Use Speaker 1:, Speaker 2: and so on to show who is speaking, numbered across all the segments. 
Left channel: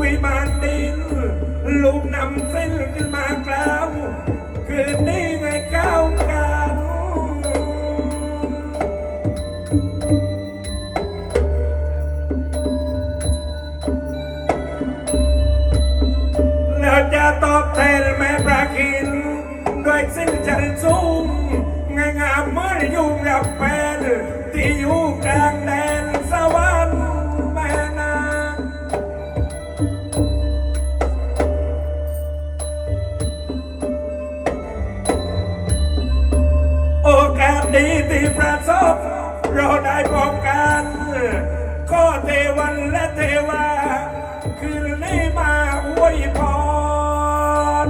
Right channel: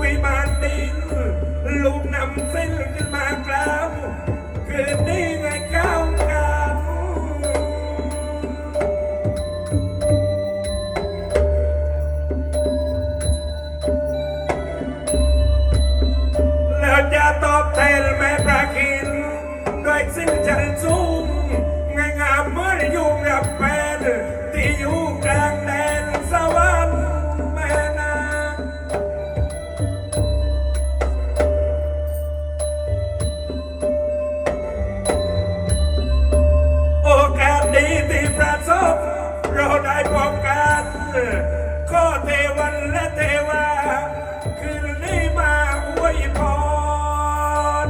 Speaker 1: วิมานดินลูกนำเส้นขึ้นมากล้าวคืน รวมกัน ก็เทวันและเทวา คืนนี้มาอวยพร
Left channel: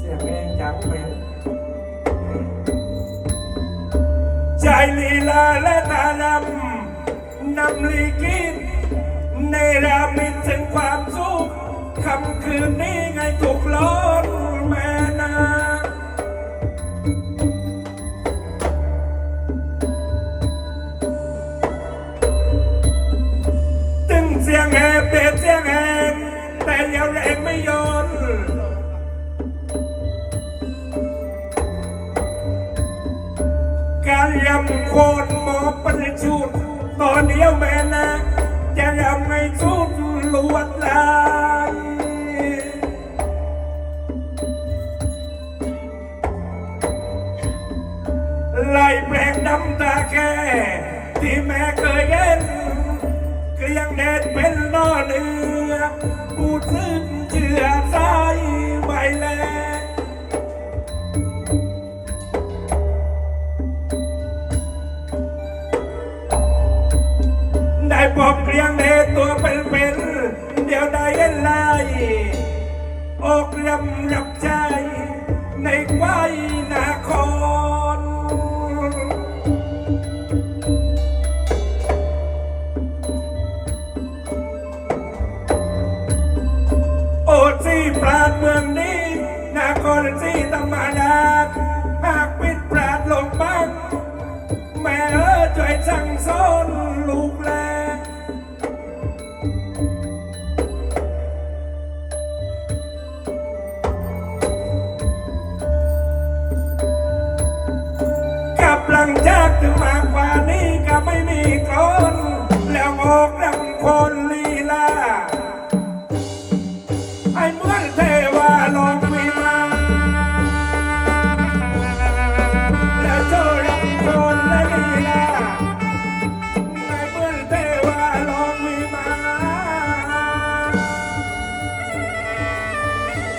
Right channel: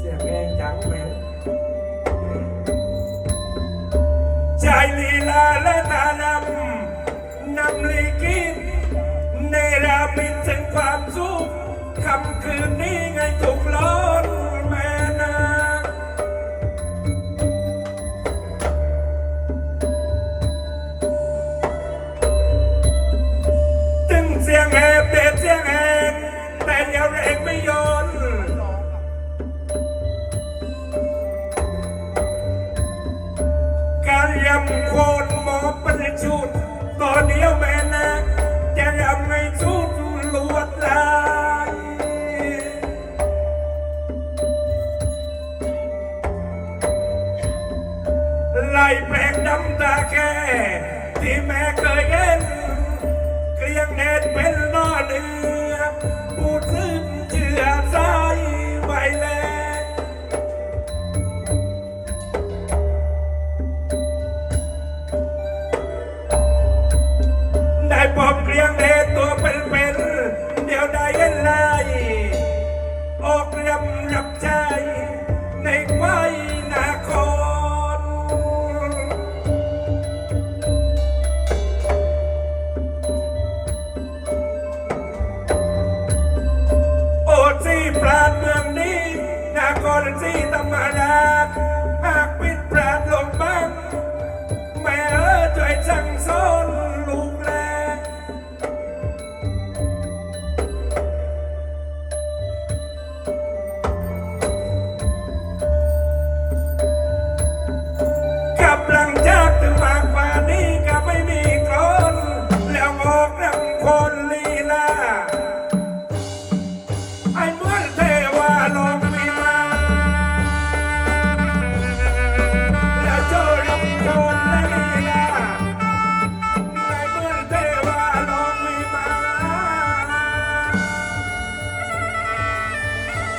Speaker 2: เสียงเองจังแมง
Speaker 1: ใจลีลาและตาลำนำลีกินในรามินถึงความสุขคำคืนนี้ไงถูกล้นแม่นา คนหมอประชุดตอนเดียวแม่นะจะยำให้สุดล้วนไล่แปรงดำตาแค่ที่แม่ ลี้ยงเด็ตัวเป็น con